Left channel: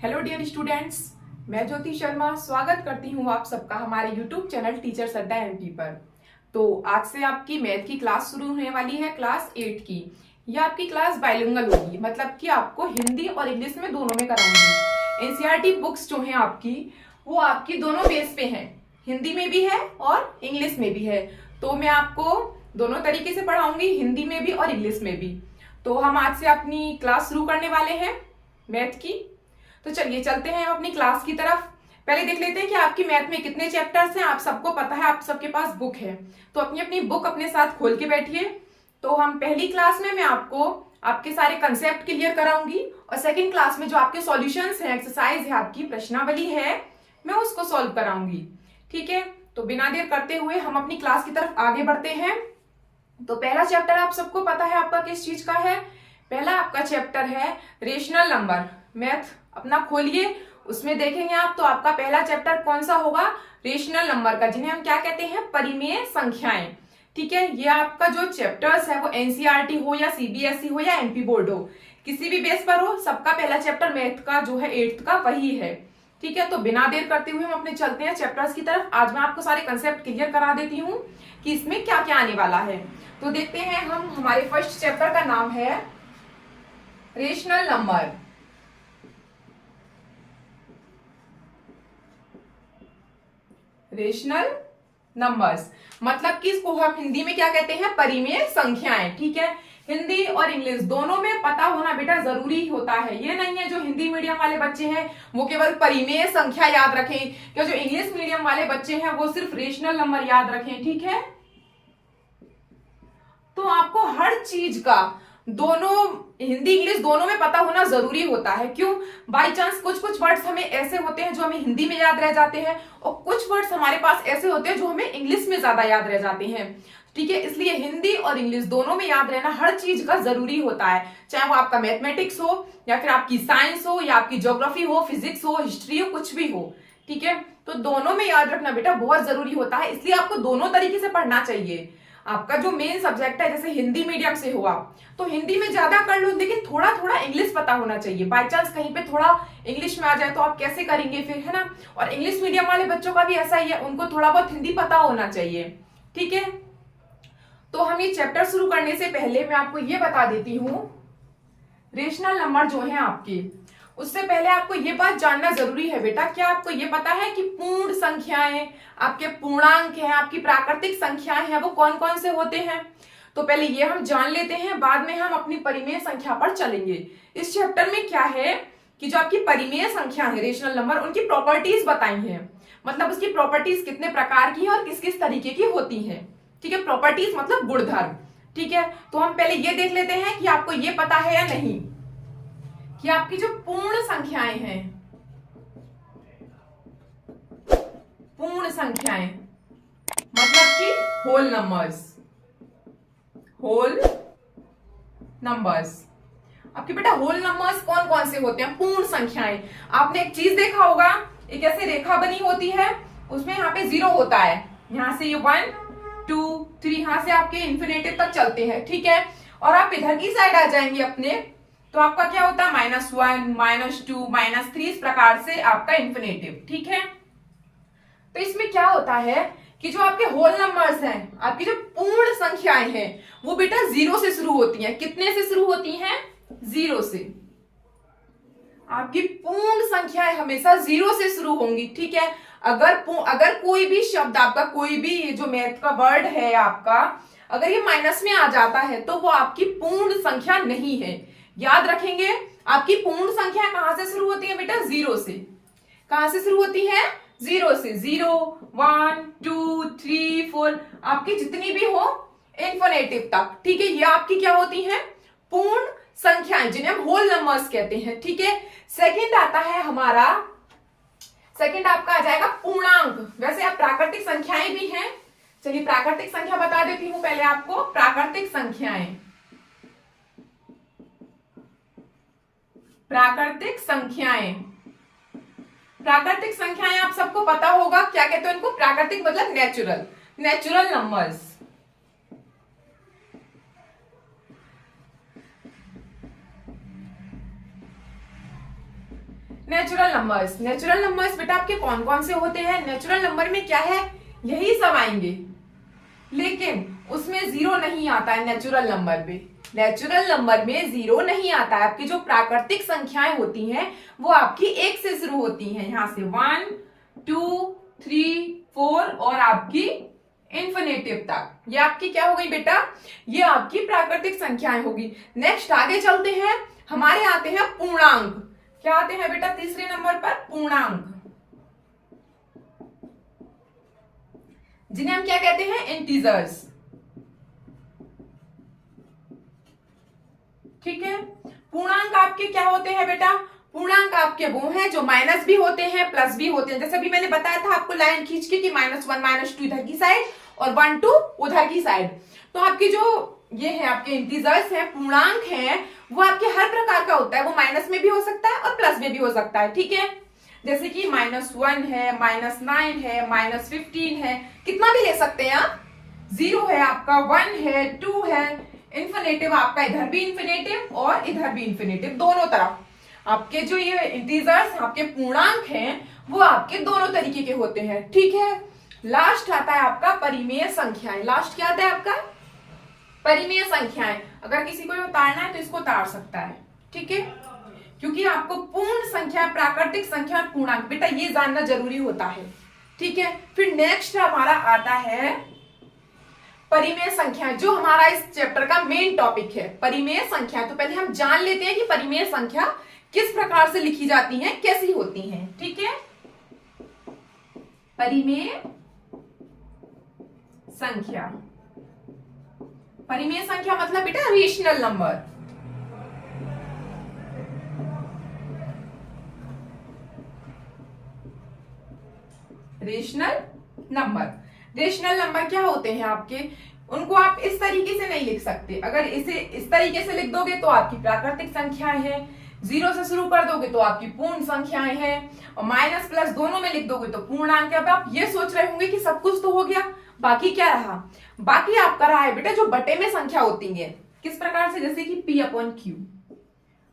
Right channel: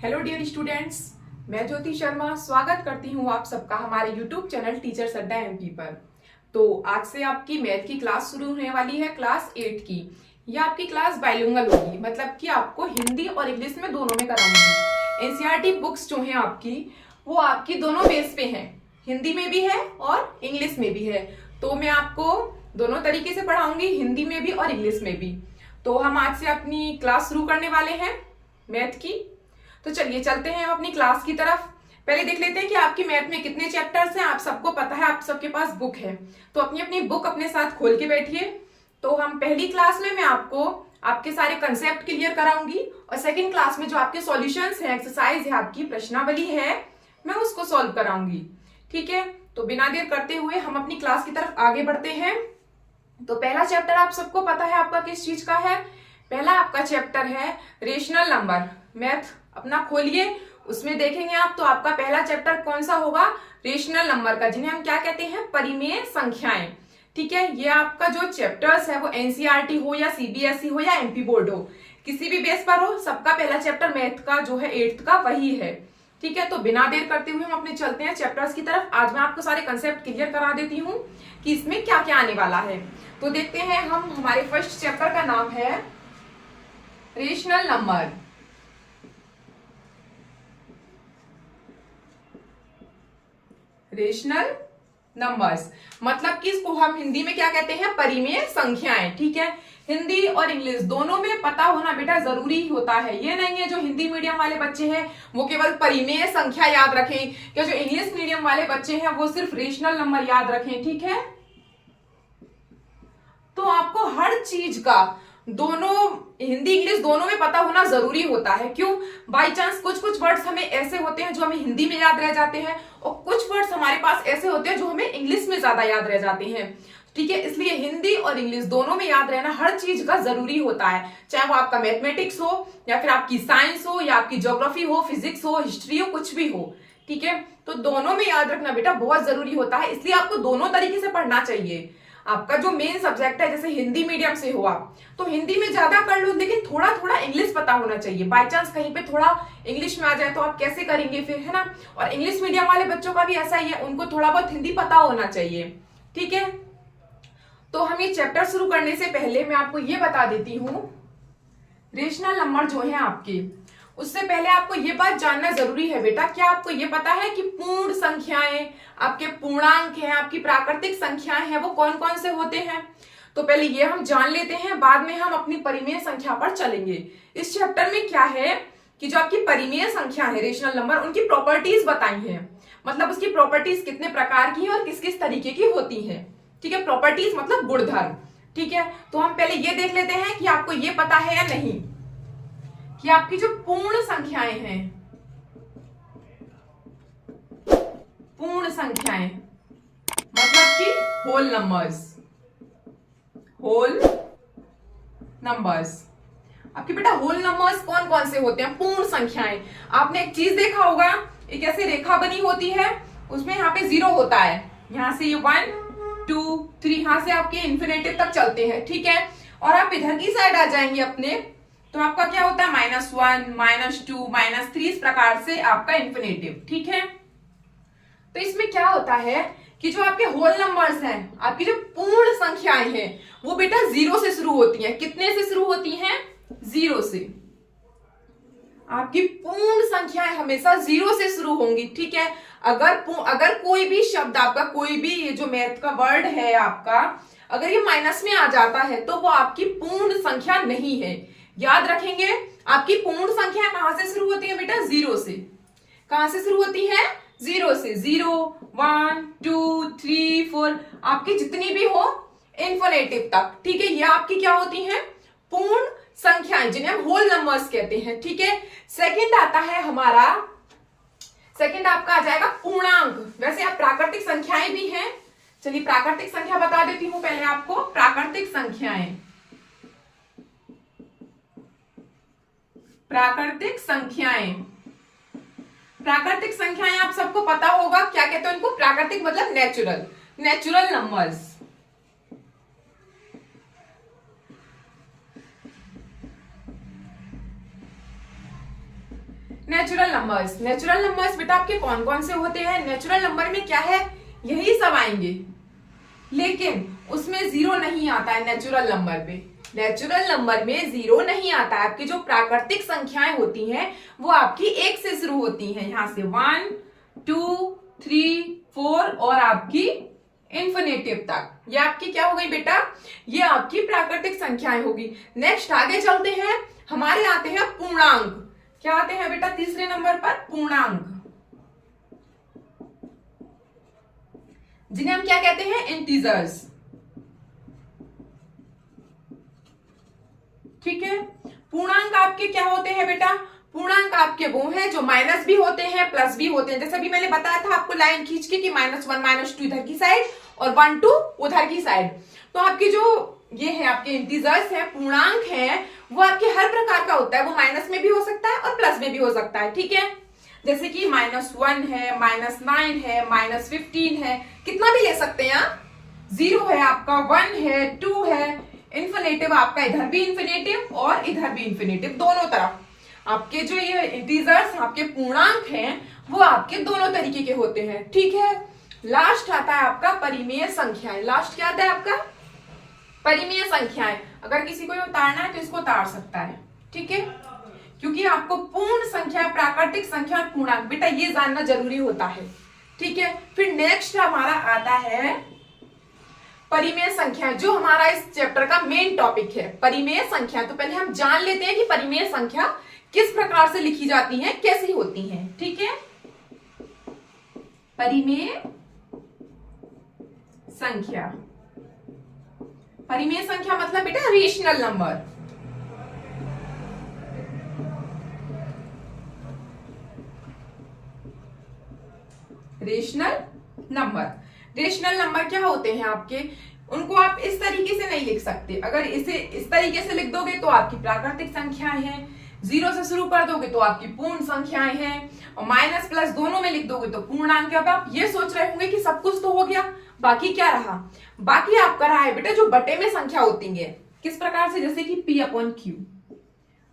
Hello dear students, मैं ज्योति शर्मा स्वागत करती हूँ आप सबका हमारे यूट्यूब चैनल टीचर्स अड्डा एमपी पर। तो आज से आपकी मैथ की क्लास शुरू होने वाली है, क्लास 8 की। यह आपकी क्लास बाइलिंगुअल होगी, मतलब कि आपको हिंदी और इंग्लिश में दोनों में कराऊंगी। एनसीईआरटी बुक्स जो हैं आपकी, वो आपकी दोनों बेस पे हैं, हिंदी में भी है और इंग्लिश में भी है। तो मैं आपको दोनों तरीके से पढ़ाऊंगी, हिंदी में भी और इंग्लिश में भी। तो हम आज से अपनी क्लास शुरू करने वाले हैं मैथ की। तो चलिए चलते हैं हम अपनी क्लास की तरफ। पहले देख लेते हैं कि आपकी मैथ में कितने चैप्टर्स हैं। आप सबको पता है, आप सबके पास बुक है, तो अपनी अपनी बुक अपने साथ खोल के बैठिए। तो हम पहली क्लास में मैं आपको आपके सारे कंसेप्ट क्लियर कराऊंगी, और सेकंड क्लास में जो आपके सॉल्यूशंस हैं, एक्सरसाइज है, आपकी प्रश्नावली है, मैं उसको सॉल्व कराऊंगी। ठीक है, तो बिना देर करते हुए हम अपनी क्लास की तरफ आगे बढ़ते हैं। तो पहला चैप्टर आप सबको पता है आपका किस चीज का है। पहला आपका चैप्टर है रेशनल नंबर। मैथ अपना खोलिए, उसमें देखेंगे आप। तो आपका पहला चैप्टर कौन सा होगा? रेशनल नंबर का, जिन्हें हम क्या कहते हैं? परिमेय संख्याएं। ठीक है, ये आपका जो चैप्टर्स है वो एनसीईआरटी हो या सीबीएसई हो या एमपी बोर्ड हो, किसी भी बेस पर हो, सबका पहला चैप्टर मैथ का जो है 8th का वही है। ठीक है, तो बिना देर करते हुए हम अपने चलते हैं चैप्टर्स की तरफ। आज मैं आपको सारे कंसेप्ट क्लियर करा देती हूँ कि इसमें क्या क्या आने वाला है। तो देखते हैं हम, हमारे फर्स्ट चैप्टर का नाम है रेशनल नंबर। रेशनल नंबर्स मतलब कि इसको हम हिंदी में क्या कहते हैं? परिमेय संख्याएं। ठीक है, हिंदी और इंग्लिश दोनों में पता होना बेटा जरूरी होता है। ये नहीं है जो हिंदी मीडियम वाले बच्चे हैं वो केवल परिमेय संख्या याद रखें, क्या जो इंग्लिश मीडियम वाले बच्चे हैं वो सिर्फ रेशनल नंबर याद रखें। ठीक है, तो आपको हर चीज का दोनों हिंदी इंग्लिश दोनों में पता होना जरूरी होता है। क्यों? बाई चांस कुछ कुछ वर्ड्स हमें ऐसे होते हैं जो हमें हिंदी में याद रह जाते हैं, और कुछ वर्ड्स हमारे पास ऐसे होते हैं जो हमें इंग्लिश में ज्यादा याद रह जाते हैं। ठीक है, इसलिए हिंदी और इंग्लिश दोनों में याद रहना हर चीज का जरूरी होता है, चाहे वो आपका मैथमेटिक्स हो या फिर आपकी साइंस हो या आपकी ज्योग्राफी हो, फिजिक्स हो, हिस्ट्री हो, कुछ भी हो। ठीक है, तो दोनों में याद रखना बेटा बहुत जरूरी होता है, इसलिए आपको दोनों तरीके से पढ़ना चाहिए। आपका जो मेन सब्जेक्ट है, जैसे हिंदी मीडियम से हो आप, तो हिंदी में ज्यादा कर लो, लेकिन थोड़ा थोड़ा इंग्लिश पता होना चाहिए। बाय चांस कहीं पे थोड़ा इंग्लिश में आ जाए तो आप कैसे करेंगे फिर, है ना। और इंग्लिश मीडियम वाले बच्चों का भी ऐसा ही है, उनको थोड़ा बहुत हिंदी पता होना चाहिए। ठीक है, तो हम ये चैप्टर शुरू करने से पहले मैं आपको ये बता देती हूँ, रेशनल नंबर जो है आपके, उससे पहले आपको ये बात जानना जरूरी है बेटा, क्या आपको ये पता है कि पूर्ण संख्याएं, आपके पूर्णांक हैं, आपकी प्राकृतिक संख्याएं हैं, वो कौन कौन से होते हैं? तो पहले ये हम जान लेते हैं, बाद में हम अपनी परिमेय संख्या पर चलेंगे। इस चैप्टर में क्या है कि जो आपकी परिमेय संख्या है, रेशनल नंबर, उनकी प्रॉपर्टीज बताई हैं। मतलब उसकी प्रॉपर्टीज कितने प्रकार की है और किस किस तरीके की होती है। ठीक है, प्रॉपर्टीज मतलब गुणधर्म। ठीक है, तो हम पहले ये देख लेते हैं कि आपको ये पता है या नहीं कि आपकी जो पूर्ण संख्याएं हैं, पूर्ण संख्याएं मतलब कि होल नंबर्स, होल नंबर्स। आपके बेटा होल नंबर्स कौन कौन से होते हैं? पूर्ण संख्याएं। आपने एक चीज देखा होगा, एक ऐसे रेखा बनी होती है, उसमें यहाँ पे 0 होता है, यहां से ये 1 2 3, यहां से आपके इन्फिनेटिव तक चलते हैं। ठीक है, और आप इधर की साइड आ जाएंगे अपने, तो आपका क्या होता है? -1 -2 -3, इस प्रकार से आपका इन्फिनेटिव। ठीक है, तो इसमें क्या होता है कि जो आपके होल नंबर्स हैं, आपकी जो पूर्ण संख्याएं हैं, वो बेटा 0 से शुरू होती हैं। कितने से शुरू होती हैं? 0 से। आपकी पूर्ण संख्याएं हमेशा 0 से शुरू होंगी। ठीक है, अगर कोई भी शब्द आपका, कोई भी ये जो मैथ का वर्ड है आपका, अगर ये माइनस में आ जाता है तो वो आपकी पूर्ण संख्या नहीं है। याद रखेंगे, आपकी पूर्ण संख्या कहां से शुरू होती है बेटा? 0 से। कहां से शुरू होती है? 0 से। 0 1 2 3 4, आपकी जितनी भी हो इन्फिनेटिव तक। ठीक है, ये आपकी क्या होती हैं? पूर्ण संख्याएं, जिन्हें हम होल नंबर्स कहते हैं। ठीक है, सेकंड आता है हमारा, सेकंड आपका आ जाएगा पूर्णांक। वैसे आप प्राकृतिक संख्याएं भी हैं, चलिए प्राकृतिक संख्या बता देती हूं पहले आपको। प्राकृतिक संख्याएं, प्राकृतिक संख्याएं, प्राकृतिक संख्याएं आप सबको पता होगा क्या कहते हैं उनको? प्राकृतिक मतलब natural, natural numbers. Natural numbers. Natural numbers बेटा आपके कौन कौन से होते हैं? नेचुरल नंबर में क्या है, यही सब आएंगे, लेकिन उसमें जीरो नहीं आता है। नेचुरल नंबर में, नेचुरल नंबर में जीरो नहीं आता है। आपकी जो प्राकृतिक संख्याएं होती हैं वो आपकी एक से शुरू होती हैं, यहां से 1 2 3 4 और आपकी इंफिनिटिव तक। ये आपकी क्या हो गई बेटा, ये आपकी प्राकृतिक संख्याएं होगी। नेक्स्ट आगे चलते हैं, हमारे आते हैं पूर्णांक। क्या आते हैं बेटा तीसरे नंबर पर? पूर्णांक, जिन्हें हम क्या कहते हैं? इंटीजर्स। ठीक है, पूर्णांक आपके क्या होते हैं बेटा? पूर्णांक आपके वो हैं जो माइनस भी होते हैं प्लस भी होते हैं। जैसे अभी मैंने बताया था आपको लाइन खींच के कि -1 -2 इधर की साइड और 1 2 उधर की साइड। तो आपके जो ये है आपके इंटीजर्स है, पूर्णांक है, वो आपके हर प्रकार का होता है। वो माइनस में भी हो सकता है और प्लस में भी हो सकता है। ठीक है, जैसे कि -1 है, -9 है, -15 है, कितना भी ले सकते हैं आप। 0 है आपका, 1 है, 2 है, इंफिनिटिव आपका इधर भी इंफिनिटिव और इधर भी इंफिनिटिव, दोनों तरफ आपके जो ये इंटीजर्स आपके पूर्णांक हैं वो आपके दोनों तरीके के होते हैं। ठीक है, लास्ट आता है आपका परिमेय संख्याएं। लास्ट क्या आता है आपका? परिमेय संख्याएं। अगर किसी को ये उतारना है तो इसको उतार सकता है। ठीक है, क्योंकि आपको पूर्ण संख्या, प्राकृतिक संख्या, पूर्णांक बेटा ये जानना जरूरी होता है। ठीक है, फिर नेक्स्ट हमारा आता है परिमेय संख्या, जो हमारा इस चैप्टर का मेन टॉपिक है, परिमेय संख्या। तो पहले हम जान लेते हैं कि परिमेय संख्या किस प्रकार से लिखी जाती हैं, कैसी होती हैं। ठीक है, परिमेय संख्या। परिमेय संख्या मतलब बेटा rational number. Rational number, rational number क्या होते हैं आपके? उनको आप इस तरीके से नहीं लिख सकते। अगर इसे इस तरीके से लिख दोगे तो आपकी प्राकृतिक संख्याएं हैं, 0 से शुरू कर दोगे तो आपकी पूर्ण संख्याएं हैं, और माइनस प्लस दोनों में लिख दोगे तो पूर्णांक। अब आप ये सोच रहे होंगे कि सब कुछ तो हो गया, बाकी क्या रहा? बाकी आपका रहा है बेटा जो बटे में संख्या होती है। किस प्रकार से? जैसे कि P/Q।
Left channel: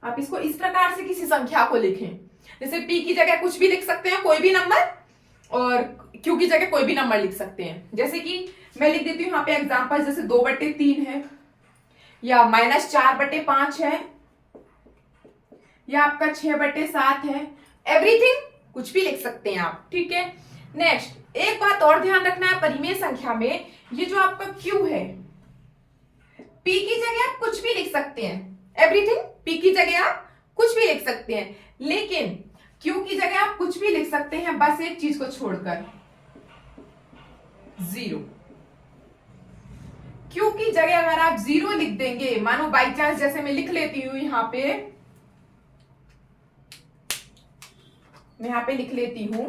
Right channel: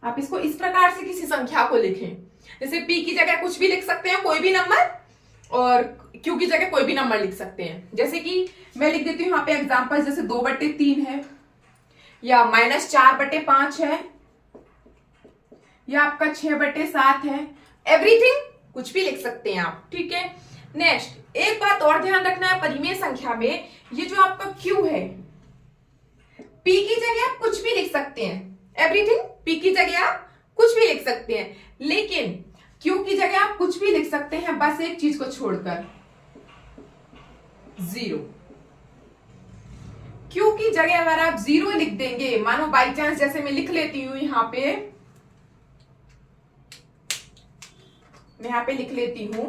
आप इसको इस प्रकार से किसी संख्या को लिखें, जैसे P की जगह कुछ भी लिख सकते हैं, कोई भी नंबर, और Q की जगह कोई भी नंबर लिख सकते हैं। जैसे कि मैं लिख देती हूँ यहाँ पे एग्जांपल, जैसे 2/3 है, या -4/5 है, या आपका 6/7 है। एवरीथिंग कुछ भी लिख सकते हैं आप। ठीक है, नेक्स्ट एक बात और ध्यान रखना है परिमेय संख्या में, ये जो आपका Q है, P की जगह आप कुछ भी लिख सकते हैं। एवरीथिंग P की जगह आप कुछ भी लिख सकते हैं, लेकिन Q की जगह आप कुछ भी लिख सकते हैं, बस एक चीज को छोड़कर, 0। Q की जगह अगर आप 0 लिख देंगे, मानो बाई चांस, जैसे मैं लिख लेती हूं यहां पे, मैं यहां पे लिख लेती हूं,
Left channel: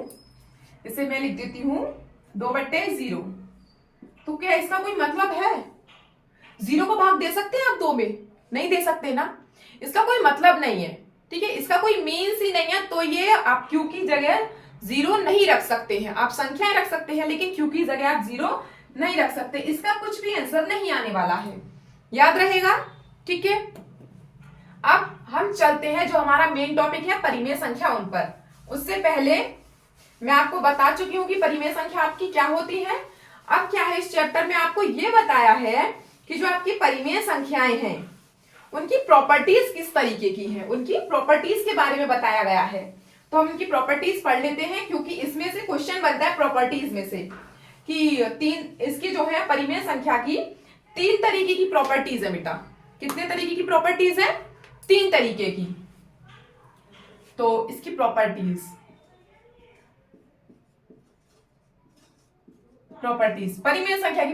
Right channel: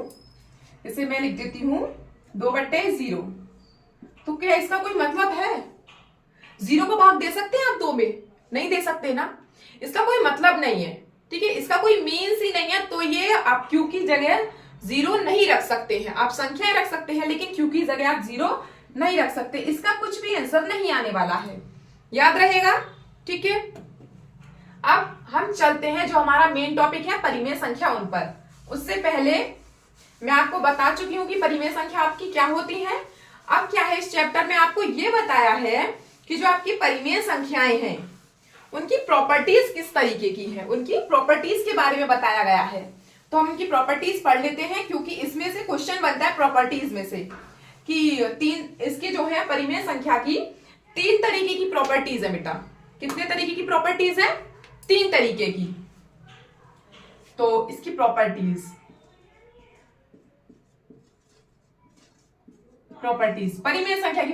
इसे मैं लिख देती हूं 2/0, तो क्या इसका कोई मतलब है? 0 को भाग दे सकते हैं आप 2 में? नहीं दे सकते ना, इसका कोई मतलब नहीं है। ठीक है, इसका कोई मीन्स ही नहीं है। तो ये आप Q की जगह 0 नहीं रख सकते हैं। आप संख्याएं रख सकते हैं, लेकिन Q की जगह आप 0 नहीं रख सकते। इसका कुछ भी आंसर नहीं आने वाला है, याद रहेगा। ठीक है, अब हम चलते हैं जो हमारा मेन टॉपिक है परिमेय संख्या, उन पर। उससे पहले मैं आपको बता चुकी हूं कि परिमेय संख्या आपकी क्या होती है। अब क्या है, इस चैप्टर में आपको यह बताया है कि जो आपकी परिमेय संख्याएं हैं उनकी प्रॉपर्टीज किस तरीके की है, उनकी प्रॉपर्टीज के बारे में बताया गया है। तो हम इनकी प्रॉपर्टीज पढ़ लेते हैं, क्योंकि इसमें से क्वेश्चन बनता है प्रॉपर्टीज में से कि इसकी जो है परिमेय संख्या की 3 तरीके की प्रॉपर्टीज है बेटा। कितने तरीके की प्रॉपर्टीज है? 3 तरीके की। तो इसकी प्रॉपर्टीज परिमेय संख्या की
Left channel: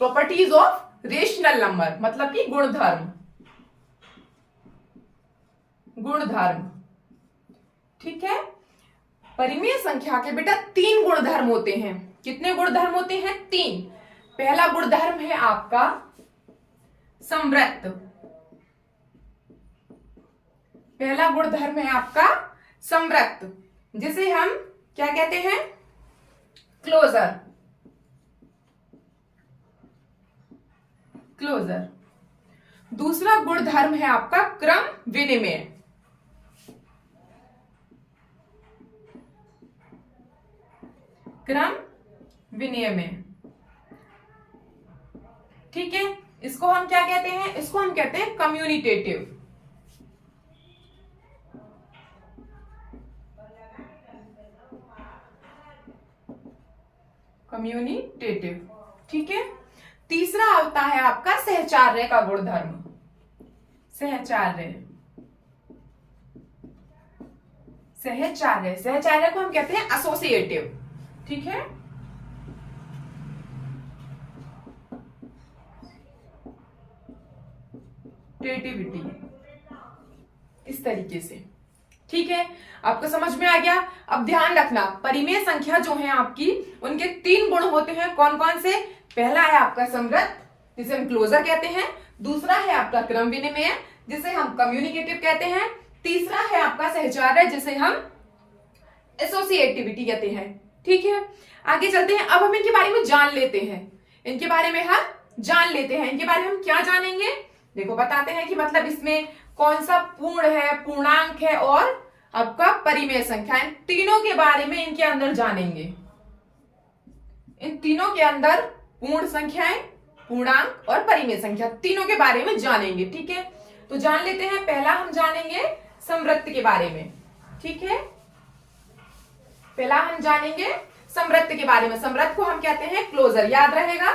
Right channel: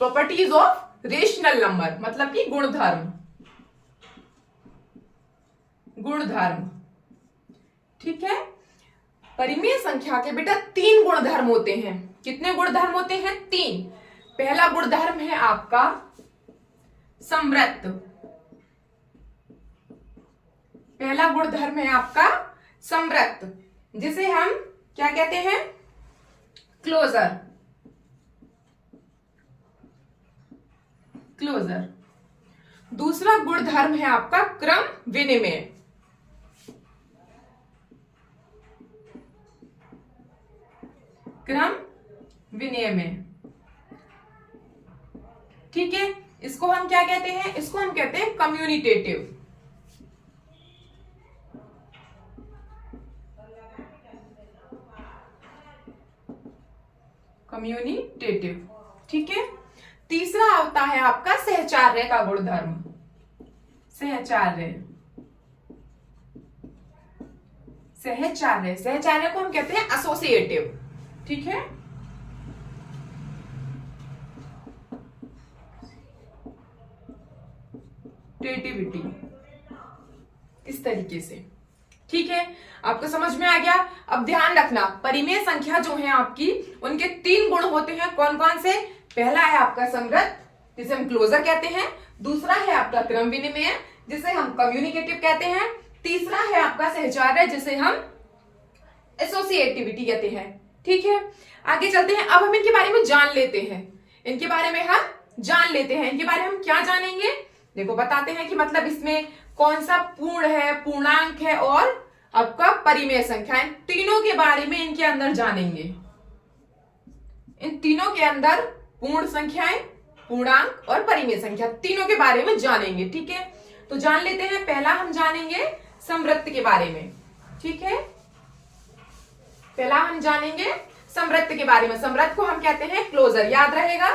प्रॉपर्टीज ऑफ रेशनल नंबर, मतलब कि गुणधर्म। ठीक है, परिमेय संख्या के बेटा 3 गुणधर्म होते हैं। कितने गुणधर्म होते हैं? 3। पहला गुणधर्म है आपका समवृत्त। पहला गुणधर्म है आपका समवृत्त, जिसे हम क्या कहते हैं? क्लोजर। दूसरा गुणधर्म है आपका क्रम विनिमय। क्रम विनिमय। ठीक है, इसको हम क्या कहते हैं? इसको हम कहते हैं कम्युनिटेटिव। कम्युनिटेटिव। ठीक है, तीसरा होता है आपका सहचार्य का गुणधर्म। सहचार्य। सहचार्य, सहचार्य को हम कहते हैं एसोसिएटिव। ठीक है, क्रिएटिविटी, इस तरीके से। ठीक है, आपको समझ में आ गया। अब ध्यान रखना, परिमेय संख्या जो है आपकी, उनके 3 गुण होते हैं। कौन कौन से? पहला है आपका समृद्ध, जिसे हम क्लोजर कहते हैं। दूसरा है आपका क्रम विनिमय, जिसे हम कम्युनिकेटिव कहते हैं। तीसरा है आपका सहचार्य, जिसे हम एसोसिएटिविटी कहते हैं। ठीक है, आगे चलते हैं। अब हम इनके बारे में जान लेते हैं। इनके बारे में हम जान लेते हैं। इनके बारे में हम क्या जानेंगे? देखो, बताते हैं कि मतलब इसमें कौन सा पूर्ण है, पूर्णांक है और आपका परिमेय संख्या, इन तीनों के बारे में इनके अंदर जानेंगे। इन तीनों के अंदर पूर्ण संख्याएं, पूर्णांक और परिमेय संख्या, तीनों के बारे में जानेंगे। ठीक है, तो जान लेते हैं। पहला हम जानेंगे समवृत्त के बारे में। ठीक है, पहला हम जानेंगे समवृत्त के बारे में। समवृत्त को हम कहते हैं क्लोजर, याद रहेगा।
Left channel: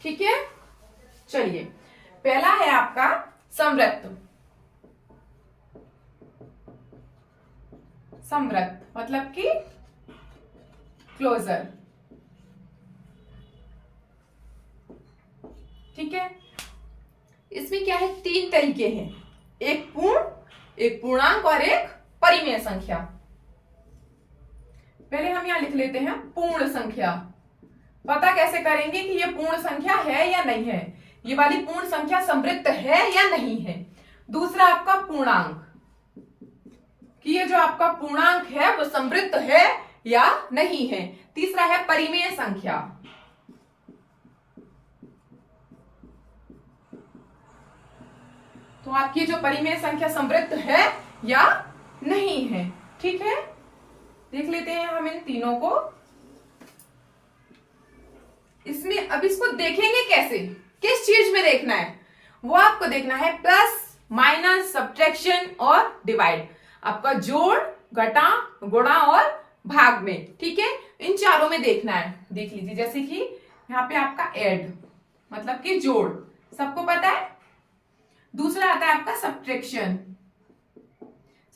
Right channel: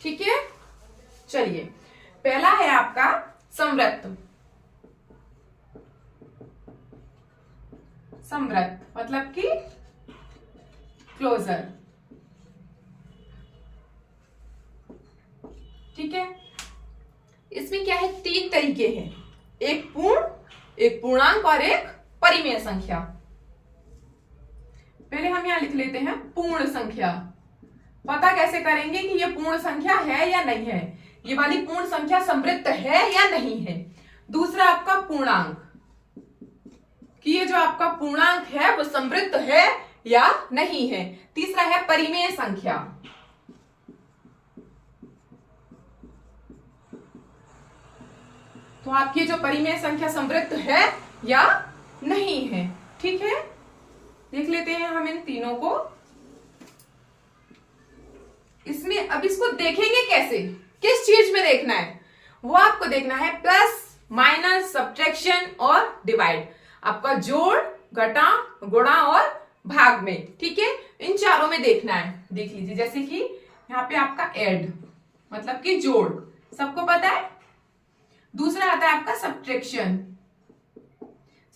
ठीक है, चलिए, पहला है आपका समवृत्त। समवृत्त मतलब कि क्लोजर। ठीक है, इसमें क्या है? 3 तरीके हैं, एक पूर्ण, एक पूर्णांक और एक परिमेय संख्या। पहले हम यहां लिख लेते हैं पूर्ण संख्या। पता कैसे करेंगे कि ये पूर्ण संख्या है या नहीं है? ये वाली पूर्ण संख्या समवृत्त है या नहीं है। दूसरा आपका पूर्णांक, कि ये जो आपका पूर्णांक है वो समवृत्त है या नहीं है। तीसरा है परिमेय संख्या, तो आपकी जो परिमेय संख्या समवृत्त है या नहीं है। ठीक है, देख लेते हैं हम इन तीनों को। इसमें अब इसको देखेंगे कैसे, किस चीज में देखना है? वो आपको देखना है प्लस, माइनस, सब्ट्रैक्शन और डिवाइड। आपका जोड़, घटा, गुणा और भाग में। ठीक है, इन चारों में देखना है। देख लीजिए, जैसे कि यहाँ पे आपका ऐड मतलब कि जोड़, सबको पता है। दूसरा आता है आपका सब्ट्रैक्शन।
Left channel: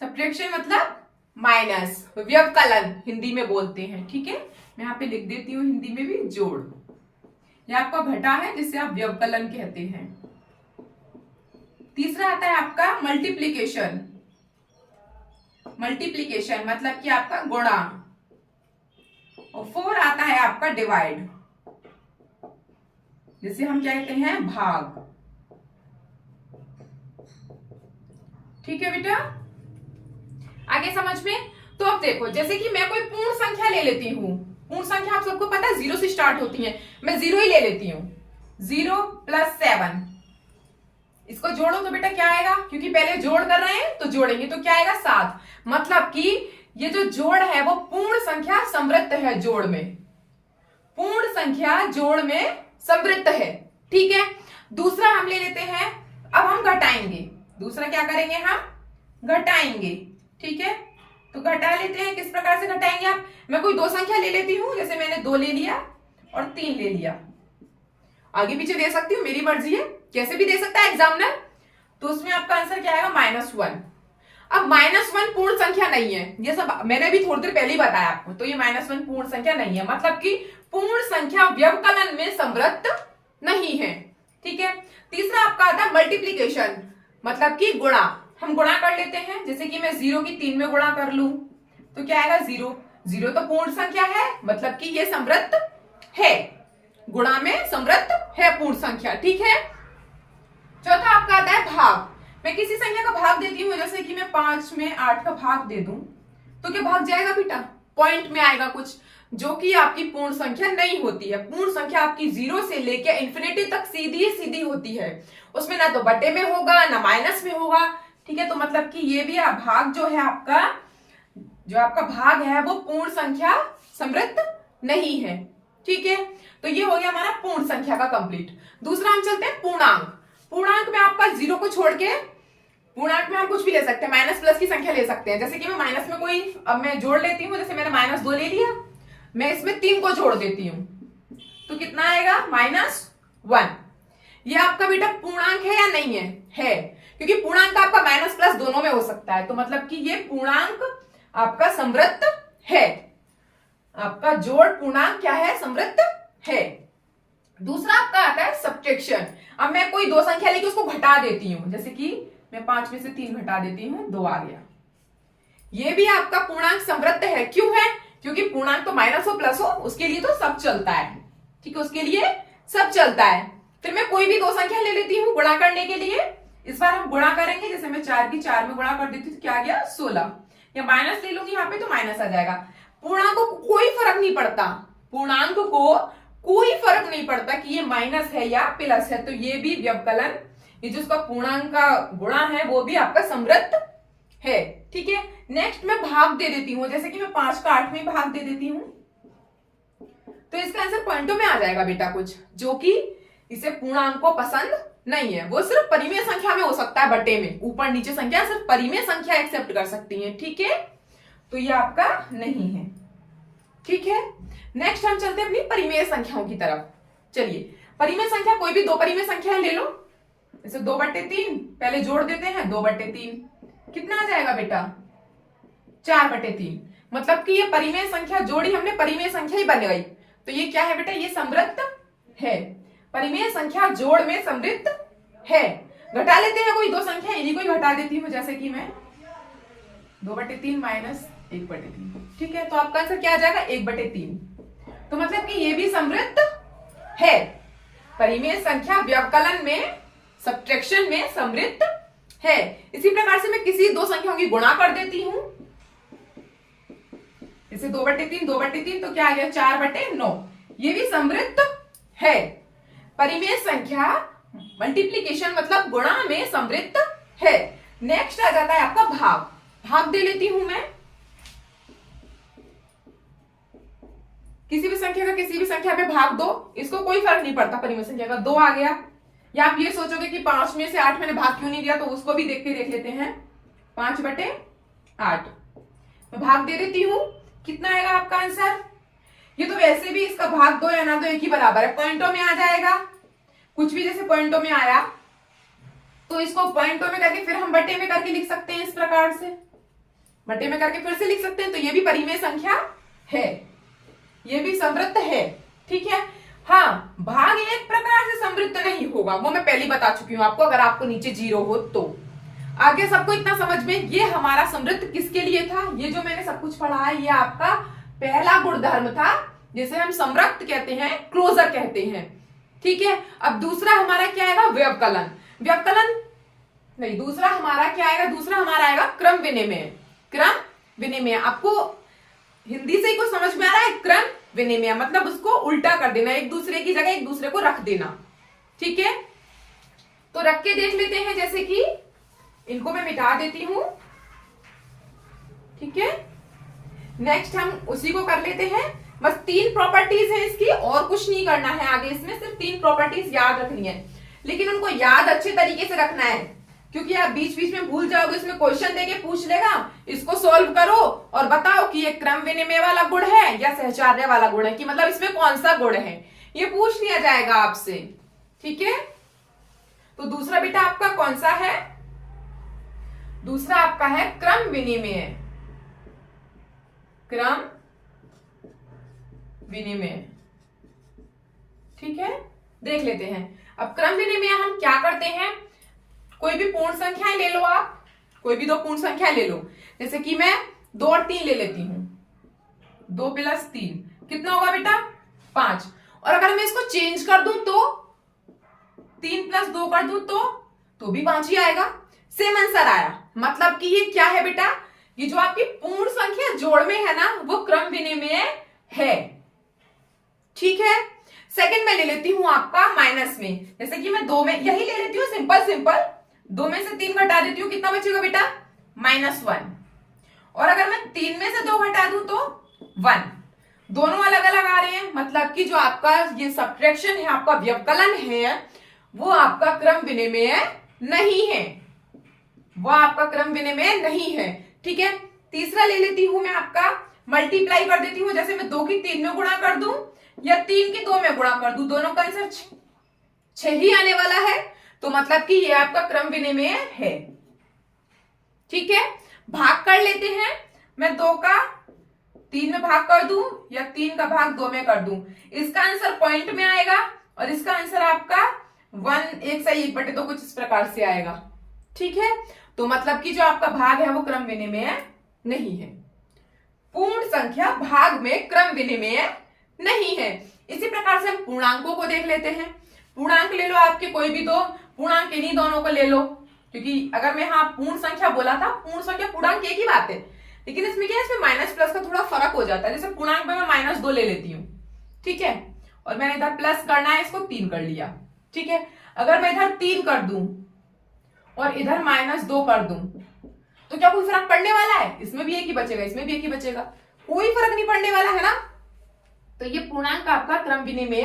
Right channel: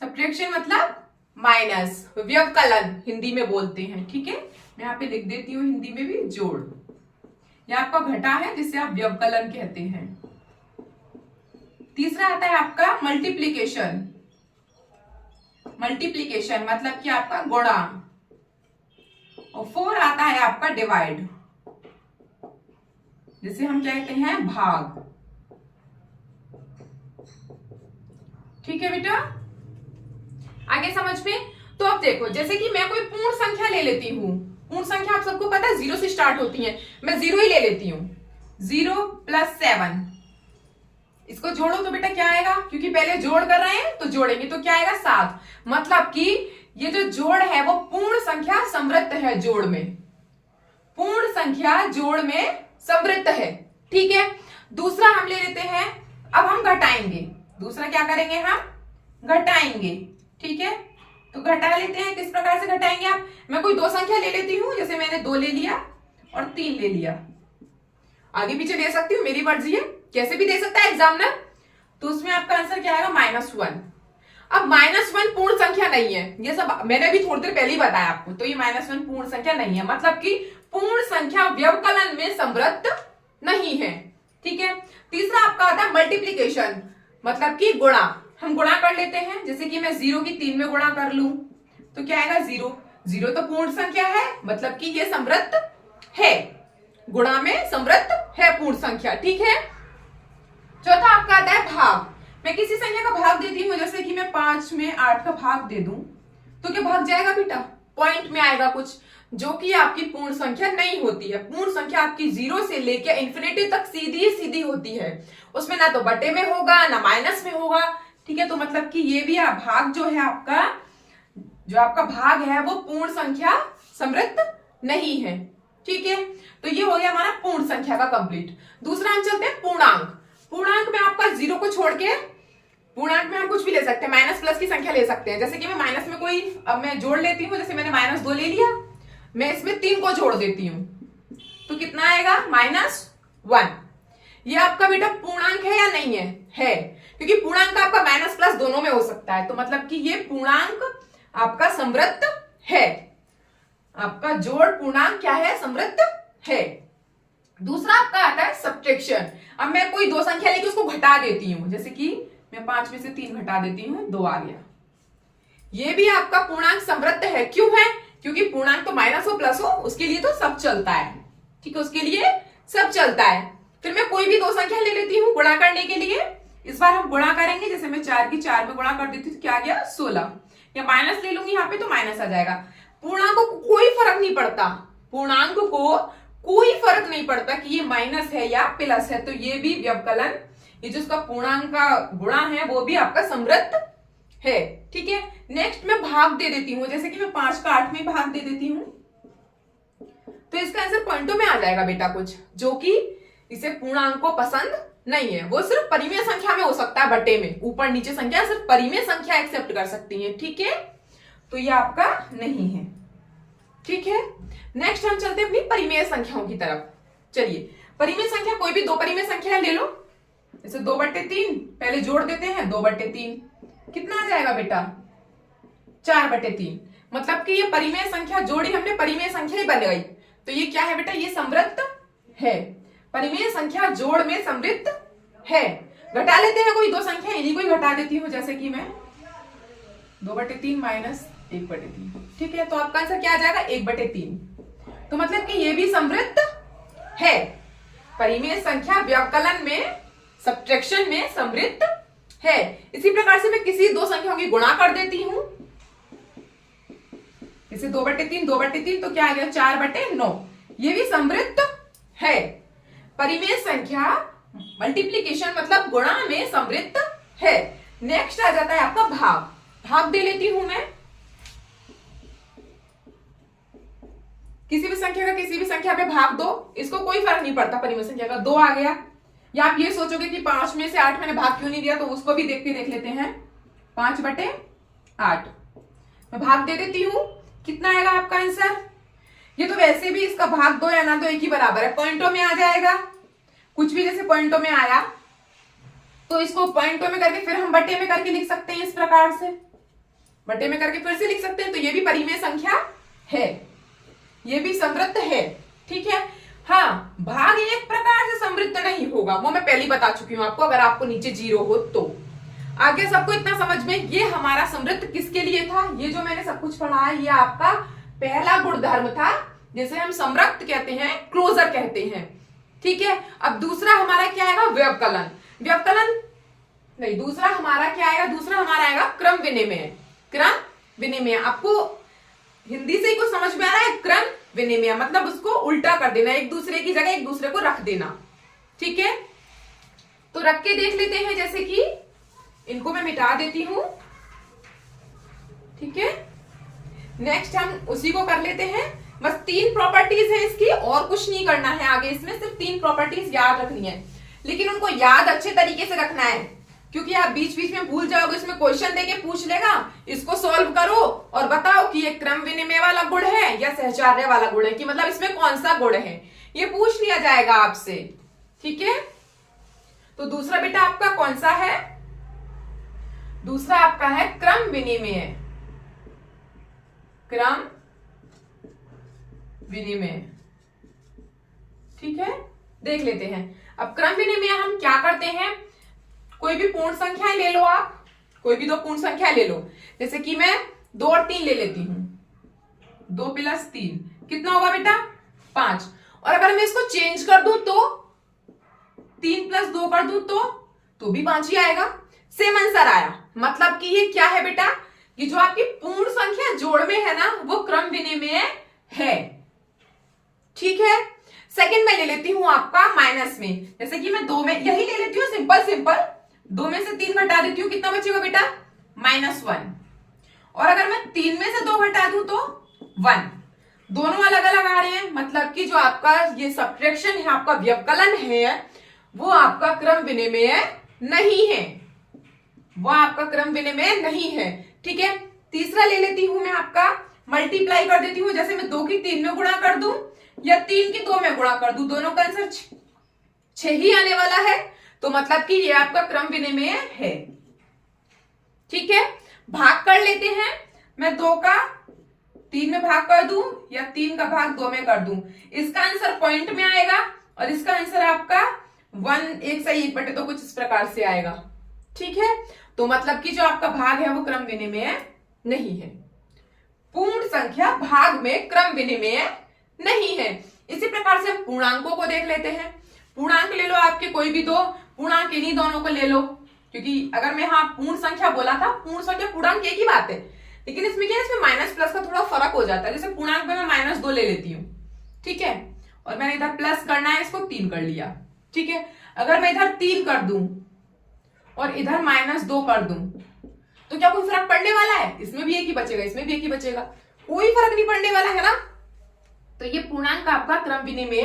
सब्ट्रैक्शन मतलब माइनस, व्यवकलन हिंदी में बोलते हैं। ठीक है, मैं यहाँ पे लिख देती हूँ हिंदी में भी, जोड़। यह आपका घटा है, जिसे आप व्यवकलन कहते हैं। तीसरा आता है आपका मल्टीप्लीकेशन। मल्टीप्लीकेशन मतलब कि आपका गुणा। और 4 आता है आपका डिवाइड, जिसे हम कहते हैं भाग। ठीक है बेटा, आगे समझ में। तो अब देखो, जैसे कि मैं कोई पूर्ण संख्या ले लेती हूँ। पूर्ण संख्या आप सबको पता है 0 से स्टार्ट होती है। मैं 0 ही ले लेती हूँ। 0 + 7, इसको जोड़ो तो बेटा क्या आएगा? क्योंकि पहले जोड़ कर रहे हैं तो जोड़ेंगे, तो क्या आएगा? 7। मतलब कि ये जो जोड़ है वो पूर्ण संख्या समवृत्त है। जोड़ में पूर्ण संख्या जोड़ में समवृत्त है। ठीक है, दूसरा हम ले लेते हैं। अब हम घटाएंगे। दूसरा क्या करेंगे? हम घटाएंगे। ठीक है, तो घटा लेते हैं। किस प्रकार से घटाएंगे आप? मैं कोई 2 संख्या ले लेती हूं, जैसे मैंने 2 ले लिया और 3 ले लिया। आगे पीछे दे सकती हूँ, मेरी मर्जी है, कैसे भी दे सकता है एग्जामिनर। तो उसमें आपका आंसर क्या आएगा? -1। अब -1 पूर्ण संख्या नहीं है, ये सब मैंने भी थोड़ी देर पहले ही बताया आपको। तो ये -1 पूर्ण संख्या नहीं है, मतलब कि पूर्ण संख्या व्यवकलन में समवृत्त नहीं है। ठीक है, तीसरा आपका आता है मल्टीप्लीकेशन, मतलब कि गुणा। हम गुणा कर लेते हैं, जैसे कि मैं 0 की 3 में गुणा कर लूं तो क्या आएगा? 0। 0 तो पूर्ण संख्या है, मतलब कि ये समवृत्त है। गुणा में समवृत्त है पूर्ण संख्या। ठीक है, चौथा आपका आता है भाग। मैं किसी संख्या का भाग देती हूँ, जैसे कि मैं 5 में 8 का भाग दे दूं तो क्या भाग जाएगा बेटा? पॉइंट में आएगा कुछ, जो कि आपकी पूर्ण संख्या नहीं होती है। पूर्ण संख्या आपकी 0 से लेकर इंफिनिटी तक सीधी सीधी होती है। उसमें ना तो बटे में होगा ना माइनस में होगा। ठीक है, तो मतलब कि ये भी भाग जो है आपका, जो आपका भाग है वो पूर्ण संख्या समृद्ध नहीं है। ठीक है, तो ये हो गया हमारा पूर्ण संख्या का कंप्लीट। दूसरा हम चलते हैं पूर्णांक। पूर्णांक में आपका जीरो को छोड़ के, पूर्णांक में हम कुछ भी ले सकते हैं, माइनस प्लस की संख्या ले सकते हैं। जैसे कि मैं माइनस में कोई, अब मैं जोड़ लेती हूँ, जैसे मैंने -2 ले लिया, मैं इसमें 3 को जोड़ देती हूँ तो कितना आएगा -1। ये आपका बेटा पूर्णांक है या नहीं है? है, क्योंकि पूर्णांक आपका माइनस प्लस दोनों में हो सकता है, तो मतलब कि ये पूर्णांक आपका समृद्ध है। आपका जोड़ पूर्णांक क्या है? समृद्ध है। दूसरा आपका आता है सब्ट्रैक्शन। अब मैं कोई दो संख्या लेके उसको घटा देती हूँ, जैसे कि मैं 5 में से 3 घटा देती हूँ, 2 आ गया। ये भी आपका पूर्णांक समृद्ध है। क्यों है? क्योंकि पूर्णांक तो माइनस हो प्लस हो, उसके लिए तो सब चलता है। ठीक है, उसके लिए सब चलता है। फिर मैं कोई भी दो संख्या ले लेती हूँ गुणा करने के लिए। इस बार हम गुणा करेंगे, जैसे मैं 4 की 4 में गुणा कर देती हूँ, क्या आ गया 16। या माइनस ले लूंगी यहाँ पे तो माइनस आ जाएगा। पूर्णांक को कोई फर्क नहीं पड़ता, पूर्णांक को कोई फर्क नहीं पड़ता कि ये माइनस है या प्लस है, तो ये भी व्यवकलन, ये जो उसका पूर्णांक का गुणा है वो भी आपका समृद्ध है। ठीक है, नेक्स्ट मैं भाग दे देती हूँ, जैसे कि मैं 5 का 8 में भाग दे देती हूँ, तो इसका आंसर पॉइंटों में आ जाएगा बेटा कुछ, जो कि इसे पूर्णांक को पसंद नहीं है। वो सिर्फ परिमेय संख्या में हो सकता है, बटे में, ऊपर नीचे संख्या सिर्फ परिमेय संख्या एक्सेप्ट कर सकती है। ठीक है, तो ये आपका नहीं है। ठीक है, नेक्स्ट हम चलते हैं अपनी परिमेय संख्याओं की तरफ। चलिए, परिमेय संख्या कोई भी दो परिमेय संख्या ले लो, जैसे 2/3, पहले जोड़ देते हैं 2/3, कितना आ जाएगा बेटा 4/3। मतलब कि ये परिमेय संख्या जोड़ी हमने, परिमेय संख्या ही बन गई, तो ये क्या है बेटा? ये समृद्ध है। परिमेय संख्या जोड़ में समृद्ध है। घटा लेते हैं कोई दो संख्या, इन्हीं को ही घटा देती हूं, जैसे कि मैं 2/3 माइनस 1/3। ठीक है, तो आपका आंसर क्या आ जाएगा? 1/3। तो मतलब कि ये भी समृद्ध है। परिमेय संख्या व्यवकलन में, सब्ट्रैक्शन में समृद्ध है। इसी प्रकार से मैं किसी दो संख्याओं की गुणा कर देती हूं, जैसे 2/3 2/3, तो क्या आ गया 4/9। ये भी समृद्ध है। परिमेय संख्या मल्टीप्लीकेशन मतलब गुणा में समृद्ध है। नेक्स्ट आ जाता है आपका भाग। भाग दे लेती हूं मैं, किसी भी संख्या का किसी भी संख्या पे भाग दो, इसको कोई फर्क नहीं पड़ता परिमेय संख्या का। 2 आ गया, या आप ये सोचोगे कि 5 में से 8 मैंने भाग क्यों नहीं दिया, तो उसको भी देख लेते हैं। 5/8 मैं भाग दे देती हूं, कितना आएगा आपका आंसर? ये तो वैसे भी इसका भाग 2 या ना 2 एक ही बराबर है, पॉइंटों में आ जाएगा। कुछ भी जैसे पॉइंटों में आया तो इसको पॉइंटों में करके फिर हम बटे में करके लिख सकते हैं, इस प्रकार से बटे में करके फिर से लिख सकते हैं। तो ये भी परिमेय संख्या है, ये भी समृद्ध है। ठीक है, हाँ, भाग एक प्रकार से समृद्ध नहीं होगा, वो मैं पहले ही बता चुकी हूं आपको, अगर आपको नीचे 0 हो तो। आगे सबको इतना समझ में, ये हमारा समृद्ध किसके लिए था? ये जो मैंने सब कुछ पढ़ा है, ये आपका पहला गुणधर्म था, जिसे हम समृद्ध कहते हैं, क्लोजर कहते हैं। ठीक है, अब दूसरा हमारा क्या आएगा? व्यवकलन। व्यवकलन नहीं, दूसरा हमारा क्या आएगा? दूसरा हमारा आएगा क्रम विनिमय। क्रम विनिमय आपको हिंदी से ही कुछ समझ में आ रहा है? क्रम विनिमय मतलब उसको उल्टा कर देना, एक दूसरे की जगह एक दूसरे को रख देना। ठीक है, तो रख के देख लेते हैं, जैसे कि इनको मैं मिटा देती हूं। ठीक है, नेक्स्ट हम उसी को कर लेते हैं। बस 3 प्रॉपर्टीज है इसकी, और कुछ नहीं करना है आगे, इसमें सिर्फ 3 प्रॉपर्टीज याद रखनी है, लेकिन उनको याद अच्छे तरीके से रखना है, क्योंकि आप बीच बीच में भूल जाओगे, इसमें क्वेश्चन देके पूछ लेगा, इसको सॉल्व करो और बताओ कि ये क्रम विनिमय वाला गुण है या सहचार्य वाला गुण है, कि मतलब इसमें कौन सा गुण है, ये पूछ लिया जाएगा आपसे। ठीक है, तो दूसरा बेटा आपका कौन सा है? दूसरा आपका है क्रम विनिमय। क्रम विनिमय। ठीक है, देख लेते हैं। अब क्रम विनिमय हम क्या करते हैं? कोई भी पूर्ण संख्याएं ले लो, आप कोई भी 2 पूर्ण संख्या ले लो, जैसे कि मैं 2 और 3 ले लेती हूं। 2 + 3 कितना होगा बेटा? 5। और अगर मैं इसको चेंज कर दूं तो 3 + 2 कर दूं तो भी 5 ही आएगा। सेम आंसर आया। मतलब कि ये क्या है बेटा? ये जो आपकी पूर्ण संख्या जोड़ में है ना, वो क्रम विनिमय है। ठीक है, सेकंड में ले लेती हूं आपका माइनस में, जैसे कि मैं 2 में यही ले लेती हूँ, सिंपल 2 में से 3 घटा देती हूँ, कितना बचेगा बेटा? -1। और अगर मैं 3 में से 2 घटा दूं तो 1। दोनों अलग अलग आ रहे हैं, मतलब कि जो आपका ये सब्ट्रैक्शन है, आपका व्यवकलन है, वो आपका क्रम विनिमय नहीं है, वो आपका क्रम विनिमय नहीं है। ठीक है, तीसरा ले लेती हूं मैं आपका, मल्टीप्लाई कर देती हूं। जैसे मैं 2 की 3 में गुणा कर दूं या 3 की 2 में गुणा कर दूं, दोनों का आंसर 6 ही आने वाला है, तो मतलब कि ये आपका क्रम विनिमय है। ठीक है, भाग कर लेते हैं। मैं 2 का 3 में भाग कर दूं या 3 का भाग 2 में कर दूं, इसका आंसर पॉइंट में आएगा और इसका आंसर आपका 1 1 से 1 बटे तो कुछ इस प्रकार से आएगा। ठीक है, तो मतलब कि जो आपका भाग है वो क्रम विनिमय नहीं है। पूर्ण संख्या भाग में क्रम विनिमय नहीं है। इसी प्रकार से हम पूर्णांकों को देख लेते हैं। पूर्णांक ले लो आपके कोई भी दो, पूर्णांक इन्हीं दोनों को ले लो, क्योंकि अगर मैं हाँ पूर्ण संख्या बोला था, पूर्ण संख्या पूर्णांक एक ही बात है, लेकिन इसमें क्या है, इसमें माइनस प्लस का थोड़ा फर्क हो जाता है। जैसे पूर्णांक में मैं -2 ले लेती हूँ, ठीक है, और मैंने इधर प्लस करना है, इसको 3 कर लिया। ठीक है, अगर मैं इधर 3 कर दूं और इधर -2 कर दूं, तो क्या कोई फर्क पड़ने वाला है? इसमें भी एक ही बचेगा, इसमें भी एक ही बचेगा, कोई फर्क नहीं पड़ने वाला है ना। तो ये पूर्णांक आपका क्रम विनिमय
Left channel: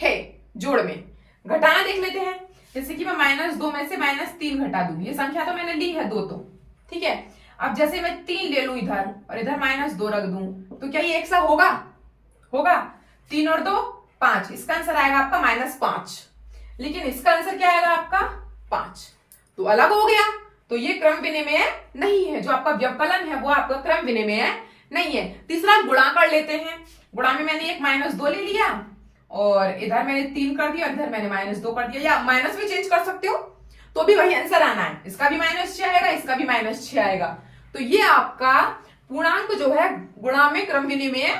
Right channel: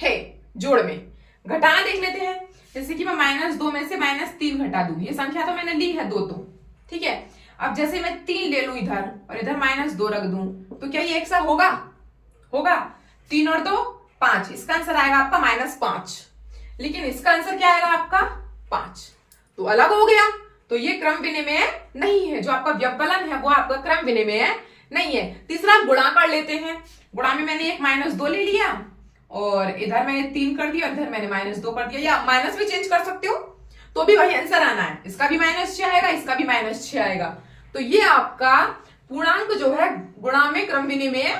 है। जोड़ में घटाना देख लेते हैं। जैसे कि मैं -2 में से -3 घटा दूं, ये संख्या तो मैंने ली है 2 तो, ठीक है। अब जैसे मैं 3 ले लूं इधर और इधर -2 रख दूं, तो क्या ये एक सा होगा? होगा। 3 और 2 5, इसका आंसर आएगा आपका -5, लेकिन इसका आंसर क्या आएगा आपका 5, तो अलग हो गया। तो ये क्रम विनिमय नहीं है। जो आपका व्यवकलन है वो आपका क्रम विनिमय नहीं है। तीसरा गुणा कर लेते हैं। गुणा में मैंने एक -2 ले लिया और इधर मैंने 3 कर दिया और इधर मैंने -2 कर दिया, या माइनस भी चेंज कर सकते हो तो भी वही आंसर आना है। इसका भी -6 आएगा, इसका भी -6 आएगा। तो ये आपका पूर्णांक जो है गुणा में क्रम विनिमय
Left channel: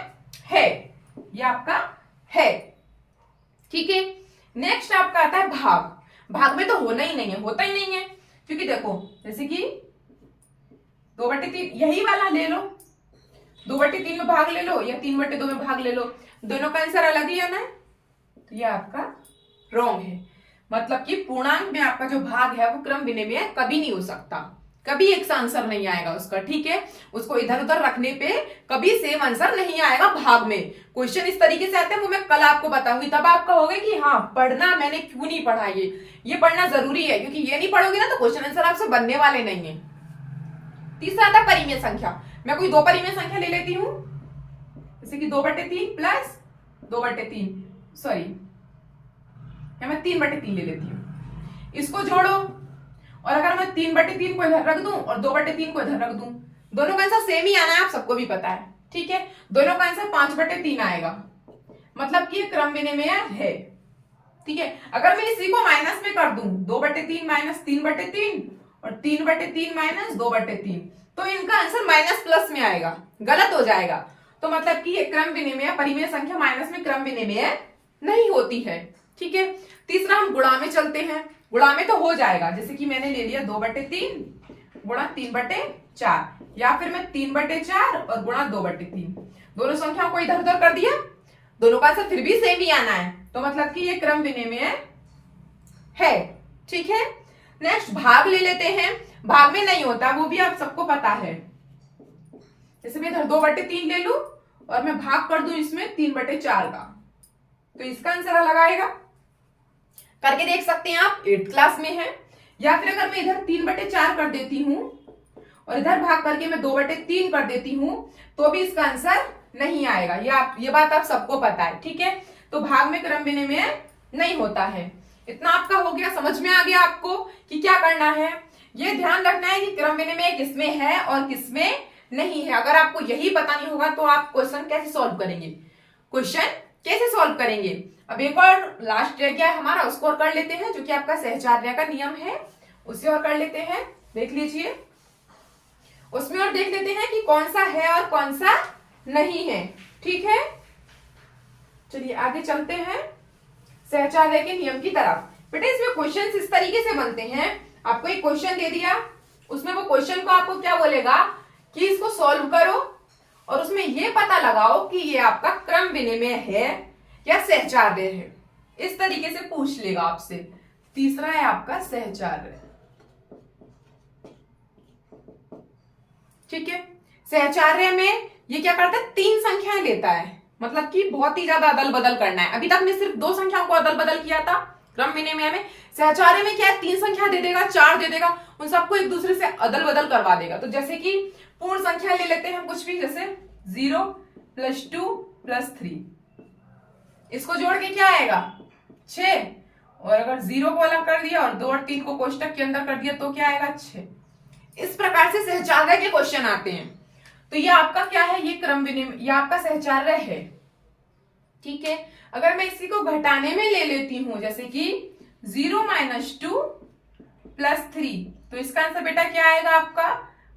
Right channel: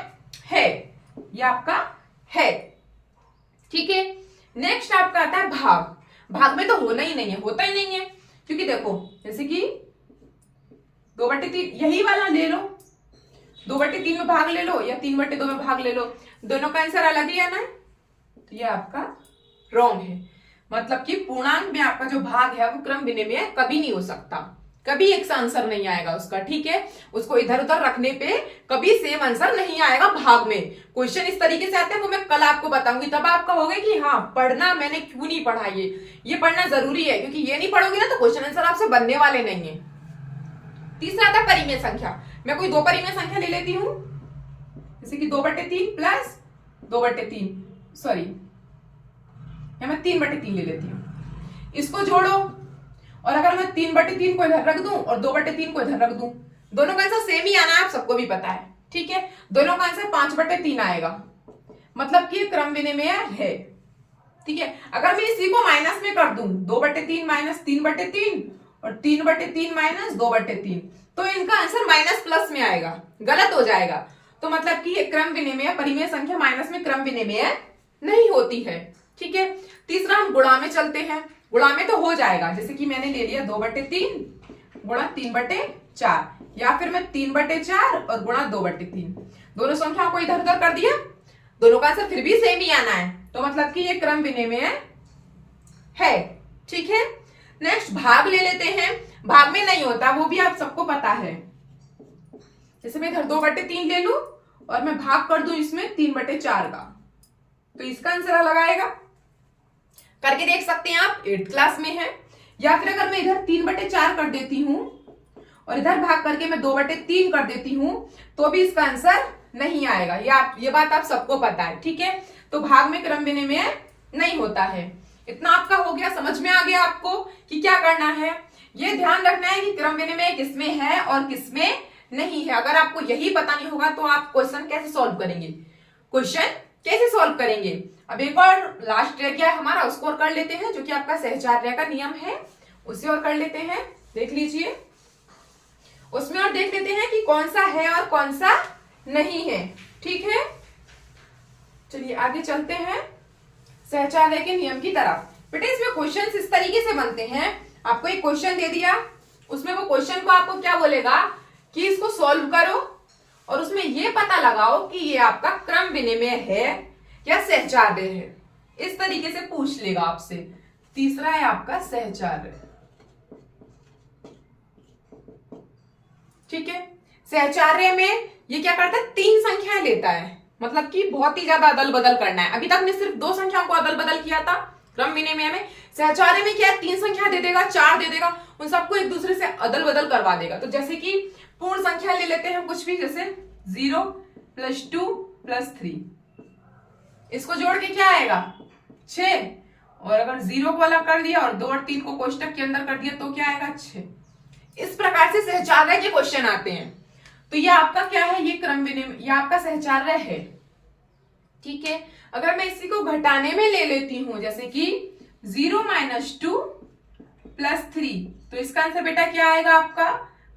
है, ये आपका है। ठीक है, नेक्स्ट आपका आता है भाग। भाग में तो होना ही नहीं है, होता ही नहीं है, क्योंकि देखो जैसे कि 2/3 यही वाला ले लो, 2/3 में भाग ले लो या 3/2 में भाग ले लो, दोनों का आंसर अलग ही आना है, तो ये आपका रॉन्ग है। मतलब कि पूर्णांक में आपका जो भाग है वो क्रम विनिमय कभी नहीं हो सकता, कभी एक सा आंसर नहीं आएगा उसका। ठीक है, उसको इधर उधर रखने पे कभी सेम आंसर नहीं आएगा भाग में। क्वेश्चन इस तरीके से आते हैं वो मैं कल आपको बताऊंगी, तब आप कहोगे कि हाँ पढ़ना मैंने क्यों नहीं पढ़ा, ये पढ़ना जरूरी है, क्योंकि ये नहीं पढ़ोगे ना तो क्वेश्चन आंसर आपसे बनने वाले नहीं है। तीसरा आता है परिमेय संख्या। मैं कोई 2 परिमेय संख्या ले लेती हूं, जैसे कि 2/3 प्लस 2/3, सॉरी या मैं 3/3 ले लेती हूं। इसको जोड़ो और अगर मैं 3/3 को इधर रख दूं और 2/3 को इधर रख दूं, दोनों का आंसर सेम ही आना है, आप सबको भी पता है। ठीक है, दोनों का आंसर 5/3 आएगा, मतलब कि क्रम विनिमय है। ठीक है, अगर मैं इसी को माइनस में कर दूं, 2/3 - 3/3 और 3/3 - 2/3, तो इनका आंसर माइनस प्लस में आएगा, गलत हो जाएगा। तो मतलब कि ये क्रम विनिमय, परिमेय संख्या माइनस में क्रम विनिमय नहीं होती है। ठीक है, तीसरा हम गुणा में चलते हैं। गुणा में तो हो जाएगा, जैसे कि मैंने ले लिया 2/3 गुणा 3/4, या फिर मैं 3/4 और गुणा 2/3, दोनों संख्याओं को इधर उधर कर दिया, दोनों का आंसर फिर भी सेम ही आना है, तो मतलब कि ये क्रम विनिमय है। ठीक है, नेक्स्ट भाग ले लेते हैं। भाग में नहीं होता, वो भी आप सबको पता है। जैसे मैं इधर 2/3 ले लूं और मैं भाग कर दूं इसमें 3/4 का, तो इसका आंसर अलग आएगा। करके देख सकते हैं आप, 8th क्लास में है। या फिर अगर मैं इधर 3/4 कर देती हूं और इधर भाग करके मैं 2/3 कर देती हूं, तो भी इसका आंसर नहीं आएगा। ये बात आप सबको पता है। ठीक है, तो भाग में क्रम विनिमय नहीं होता है। इतना आपका हो गया, समझ में आ गया आपको कि क्या करना है। ये ध्यान रखना है कि क्रम विनिमय किसमें है और किसमें नहीं है। अगर आपको यही पता नहीं होगा तो आप क्वेश्चन कैसे सॉल्व करेंगे, क्वेश्चन कैसे सॉल्व करेंगे। अब एक और लास्ट रह गया हमारा, उसको और कर लेते हैं, जो कि आपका सहचार्य का नियम है, उसे और कर लेते हैं। देख लीजिए, उसमें और देख लेते हैं कि कौन सा है और कौन सा नहीं है। ठीक है, चलिए आगे चलते हैं सहचार्य के नियम की तरफ। बेटा इसमें क्वेश्चन इस तरीके से बनते हैं, आपको एक क्वेश्चन दे दिया, उसमें वो क्वेश्चन को आपको क्या बोलेगा कि इसको सॉल्व करो और उसमें ये पता लगाओ कि ये आपका क्रम विनिमय है या सहचार्य है। इस तरीके से पूछ लेगा आपसे। तीसरा है आपका सहचार्य। ठीक है, सहचार्य में ये क्या करता है, 3 संख्याएं लेता है, मतलब कि बहुत ही ज्यादा अदल बदल करना है। अभी तक ने सिर्फ 2 संख्याओं को अदल बदल किया था क्रम विनिमय में, सहचार्य में क्या है, 3 संख्या दे देगा, 4 दे देगा, उन सबको एक दूसरे से अदल बदल करवा देगा। तो जैसे कि पूर्ण संख्या ले लेते हैं कुछ भी, जैसे 0 + 2 + 3, इसको जोड़ के क्या आएगा 6, और अगर 0 को अलग कर दिया और 2 और 3 को कोष्टक के अंदर कर दिया तो क्या आएगा 6। इस प्रकार से सहचार्य के क्वेश्चन आते हैं। तो ये आपका क्या है, ये क्रम विनिमय, ये आपका सहचार्य है। ठीक है, अगर मैं इसी को घटाने में ले लेती हूं, जैसे कि 0 - 2 + 3, तो इसका आंसर बेटा क्या आएगा आपका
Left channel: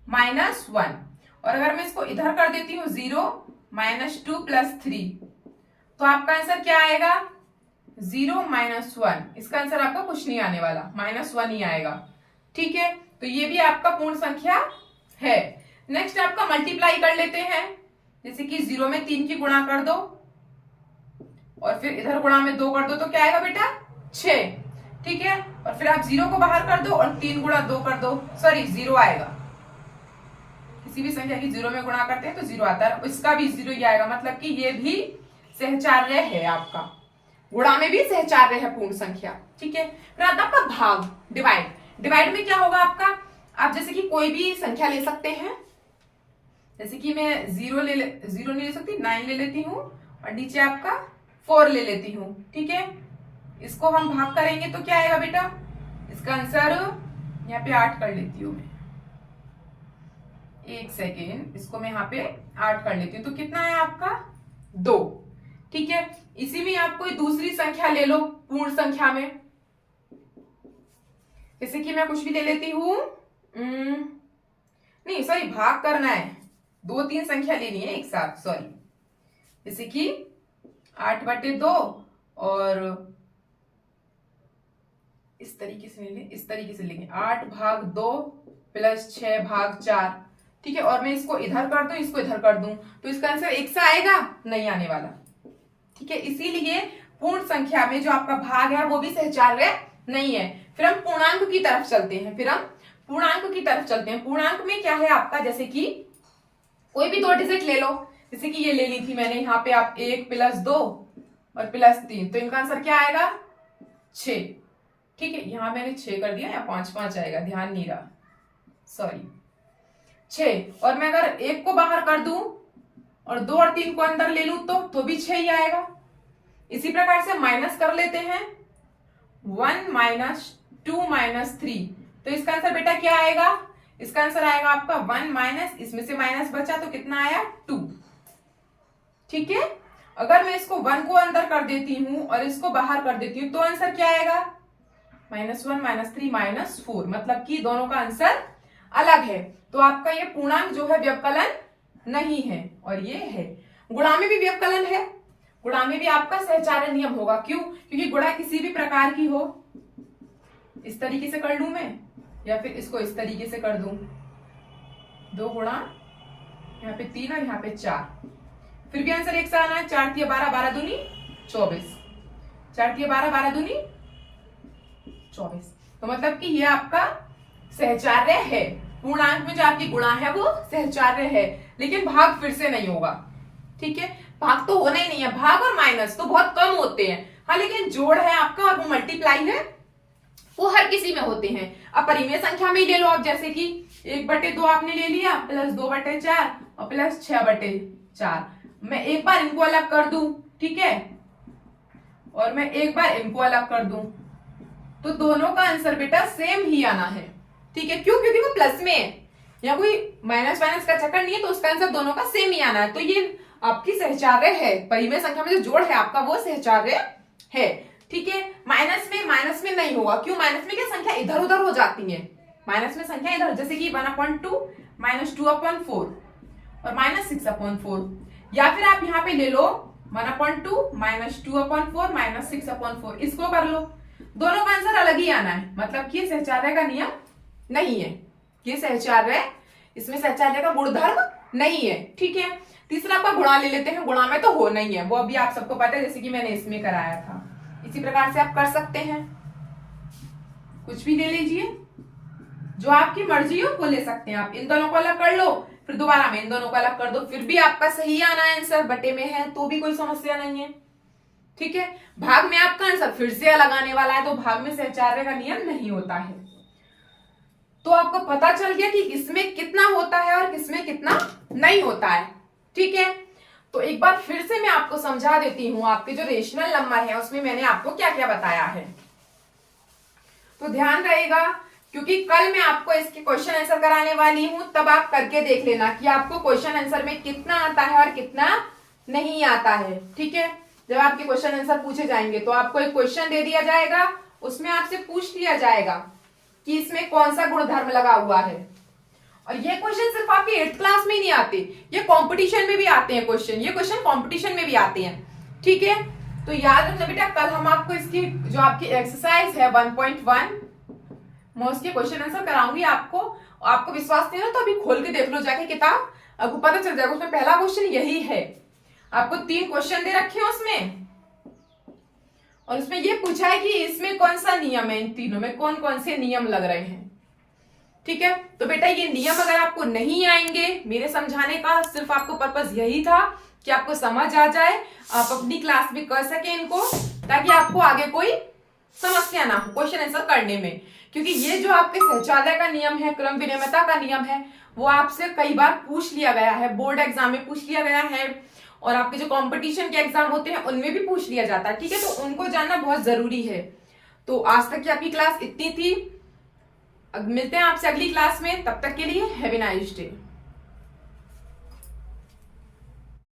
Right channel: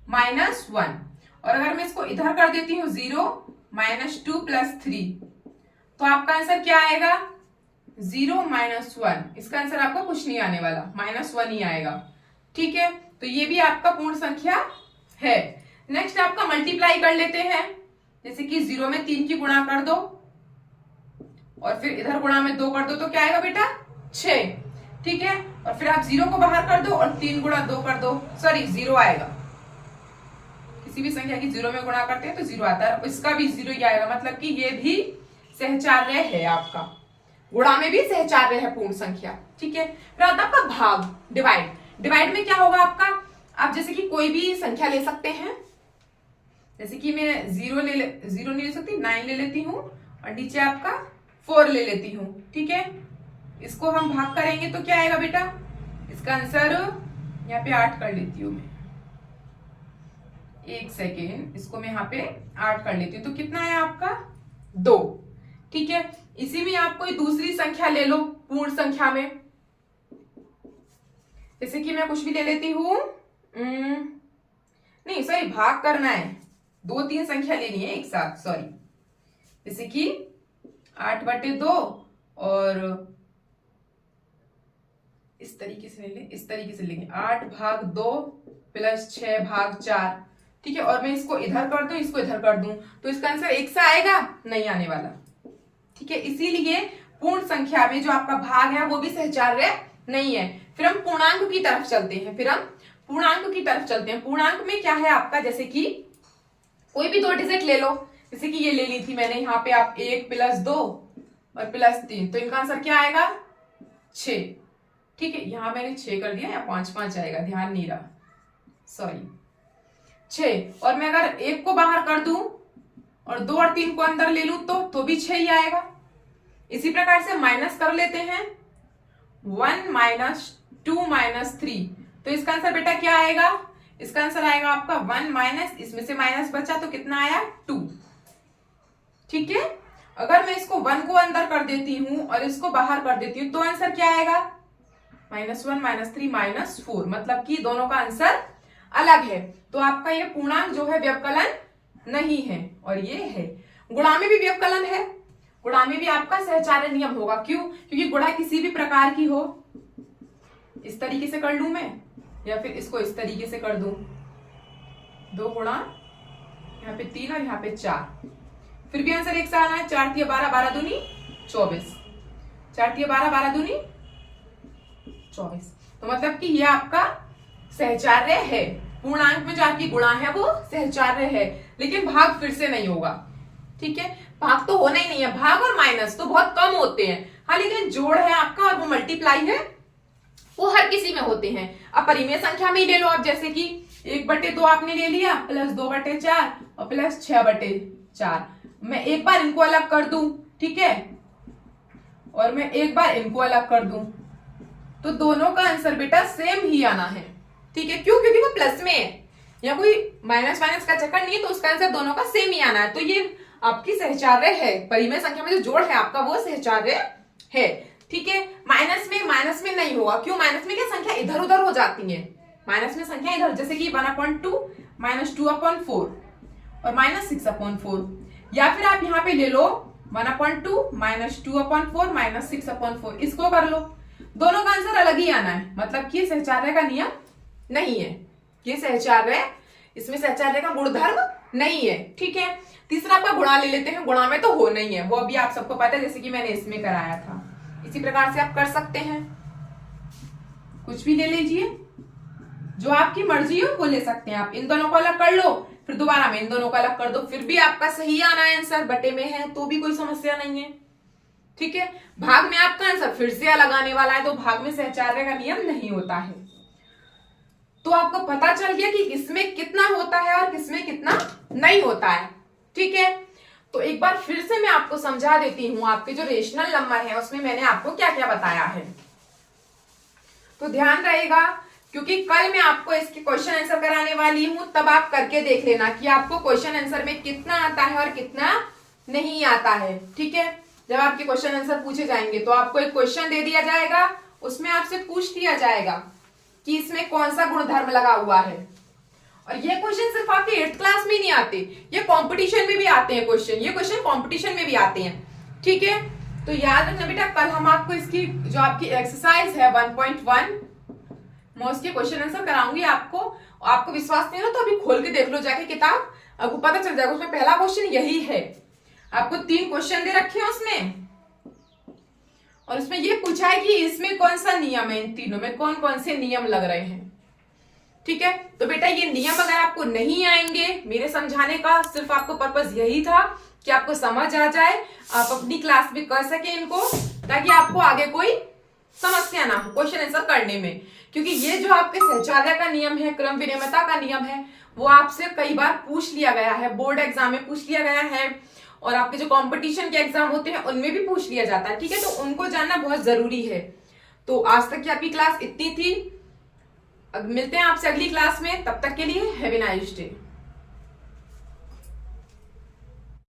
-1। और अगर मैं इसको इधर कर देती हूँ 0 - 2 + 3, तो आपका आंसर क्या आएगा 0 - 1। इसका आंसर आपका कुछ नहीं आने वाला, -1 ही आएगा। ठीक है, तो ये भी आपका पूर्ण संख्या है। नेक्स्ट आपका मल्टीप्लाई कर लेते हैं, जैसे कि 0 में 3 की गुणा कर दो और फिर इधर गुणा में 2 कर दो, तो क्या आएगा बेटा 6। ठीक है, और फिर आप 0 को बाहर कर दो और 3 गुणा 2 कर दो, सॉरी 0 आएगा। किसी भी संख्या की 0 में गुणा करते हैं तो 0 आता है, इसका भी 0 ही आएगा, मतलब कि ये भी सहचार्य है आपका, गुणा में भी सहचार्य है पूर्ण संख्या। ठीक है, फिर आता है आपका भाग, डिवाइड। डिवाइड में क्या होगा आपका, आप जैसे कि कोई भी संख्या ले सकते हैं, जैसे कि मैं 0 नहीं ले सकती, 9 ले लेती हूँ और नीचे आपका 4 ले लेती हूँ। ठीक है, इसको हम भाग करेंगे तो क्या आएगा बेटा, इसका आंसर यहाँ पे 8 कर लेती हूँ मैं, 1 सेकेंड, इसको मैं यहाँ पे 8 कर लेती हूँ, तो कितना है आपका 2। ठीक है, इसी में आप कोई दूसरी संख्या ले लो पूर्ण संख्या में, जैसे कि मैं कुछ भी ले लेती हूँ, नहीं सॉरी भाग करना है, 2-3 संख्या लेनी है एक साथ, सॉरी, जैसे कि 8/2 और इस तरीके से ले लें, इस तरीके से लेंगे 8/2 + 6/4। ठीक है, और मैं इसको इधर कर दूं, इसको इधर कर दूं, तो इसका आंसर 1 सा आएगा, नहीं आने वाला। ठीक है, इसीलिए पूर्ण संख्या में जो आपका भाग है वो भी सहचार्य नहीं है। फिर हम पूर्णांक की तरफ चलते हैं, पूर्णांक में क्या है आपका, जैसे कि कोई भी 2 डिजिट ले लो, जैसे कि ये ले ली थी मैंने, यहाँ पे आप 1 + 2 और +3, तो इनका आंसर क्या आएगा 6। ठीक है, यहां मैंने 6 कर दिया या 5 आएगा, ध्यान नहीं रहा, सॉरी 6। और मैं अगर 1 को बाहर कर दूं और 2 और 3 को अंदर ले लूं तो भी 6 ही आएगा। इसी प्रकार से माइनस कर लेते हैं, 1 - 2 - 3, तो इसका आंसर बेटा क्या आएगा, इसका आंसर आएगा आपका 1 - इसमें से माइनस बचा तो कितना आया 2। ठीक है, अगर मैं इसको 1 को अंदर कर देती हूं और इसको बाहर कर देती हूं तो आंसर क्या आएगा -1 - 3 - 4, मतलब कि दोनों का आंसर अलग है। तो आपका ये पूर्णांक जो है व्यवकलन नहीं है, और ये है। गुणा में भी व्यवकलन है, गुणा में भी आपका सहचार्य नियम होगा, क्यों, क्योंकि गुणा किसी भी प्रकार की हो, इस तरीके से कर लूं मैं या फिर इसको इस तरीके से कर दूं, 2 गुणा यहाँ पे 3 और यहाँ पे 4, फिर भी आंसर 1 सा आना है। 4 × 12 12 दूनी 24, 4 × 12 12 दूनी 24, तो मतलब कि ये आपका सहचार्य है। पूर्णांक में जो आपकी गुणा है वो सहचार्य है, लेकिन भाग फिर से नहीं होगा। ठीक है, भाग तो होना ही नहीं है, भाग और माइनस तो बहुत कम होते हैं, हाँ, लेकिन जोड़ है आपका और वो मल्टीप्लाई है वो हर किसी में होते हैं। अब परिमेय संख्या में ही ले लो आप, जैसे कि 1/2 आपने ले लिया, +2/4 और +6/4, मैं एक बार इनको अलग कर दूं, ठीक है, और मैं एक बार इनको अलग कर दूं, तो दोनों का आंसर बेटा सेम ही आना है। ठीक है, क्यों, क्योंकि वो प्लस में है, या कोई माइनस का चक्कर नहीं है, तो उसका आंसर दोनों का सेम ही आना है। तो ये आपकी सहचार्य है, परिमेय संख्या में जो जोड़ है आपका वो सहचार्य है। ठीक है, माइनस में नहीं होगा, क्यों, माइनस में क्या संख्या इधर उधर हो जाती है, माइनस में संख्या इधर, जैसे कि 1/2 -2/4 और -6/4, या फिर आप यहाँ पे ले लो 1/2 -2/4 -6/4, इसको कर लो, दोनों का आंसर अलग ही आना है, मतलब कि सहचार्य का नियम नहीं है, ये सहचार्य, इसमें सहचार्य का गुणधर्म नहीं है। ठीक है, तीसरा आपका गुणा ले लेते हैं, गुणा में तो हो नहीं है, वो अभी आप सबको पता है, जैसे कि मैंने इसमें कराया था, इसी प्रकार से आप कर सकते हैं, कुछ भी ले लीजिए, जो आपकी मर्जी हो वो ले सकते हैं आप। इन दोनों को अलग कर लो, फिर दोबारा में इन दोनों को अलग कर दो, फिर भी आपका सही आना है आंसर, बटे में है तो भी कोई समस्या नहीं है। ठीक है, भाग में आपका आंसर फिर से अलग आने वाला है, तो भाग में सहचार्य का नियम नहीं होता है। तो आपको पता चल गया कि किसमें कितना होता है और किसमें कितना नहीं होता है। ठीक है, तो एक बार फिर से मैं आपको समझा देती हूं, आपके जो रेशनल नंबर है उसमें मैंने आपको क्या क्या बताया है, तो ध्यान रहेगा, क्योंकि कल मैं आपको इसके क्वेश्चन आंसर कराने वाली हूं, तब आप करके देख लेना कि आपको क्वेश्चन आंसर में कितना आता है और कितना नहीं आता है। ठीक है, जब आपके क्वेश्चन आंसर पूछे जाएंगे तो आपको एक क्वेश्चन दे दिया जाएगा, उसमें आपसे पूछ लिया जाएगा कि इसमें कौन सा गुणधर्म लगा हुआ है। और ये क्वेश्चन सिर्फ आपके 8th क्लास में ही नहीं आते, ये कंपटीशन में भी आते हैं क्वेश्चन, ये क्वेश्चन कंपटीशन में भी आते हैं। ठीक है, तो याद रखना बेटा, कल हम आपको इसकी जो आपकी एक्सरसाइज है 1.1 मैं उसके क्वेश्चन आंसर कराऊंगी आपको विश्वास नहीं है तो अभी खोल के देख लो जाके किताब, आपको पता चल जाएगा। उसमें पहला क्वेश्चन यही है, आपको 3 क्वेश्चन दे रखे हैं उसमें, और उसमें ये पूछा है कि इसमें कौन सा नियम है, इन तीनों में कौन कौन से नियम लग रहे हैं। ठीक है, तो बेटा ये नियम अगर आपको नहीं आएंगे, मेरे समझाने का सिर्फ आपको पर्पस यही था कि आपको समझ आ जाए, आप अपनी क्लास में कर सके इनको, ताकि आपको आगे कोई समस्या ना हो क्वेश्चन आंसर करने में। क्योंकि ये जो आपके सहचार्य का नियम है, क्रम विनिमयता का नियम है, वो आपसे कई बार पूछ लिया गया है, बोर्ड एग्जाम में पूछ लिया गया है, और आपके जो कंपटीशन के एग्जाम होते हैं उनमें भी पूछ लिया जाता है। ठीक है, तो उनको जानना बहुत जरूरी है। तो आज तक की आपकी क्लास इतनी थी, अब मिलते हैं आपसे अगली क्लास में, तब तक के लिए हैव ए नाइस डे।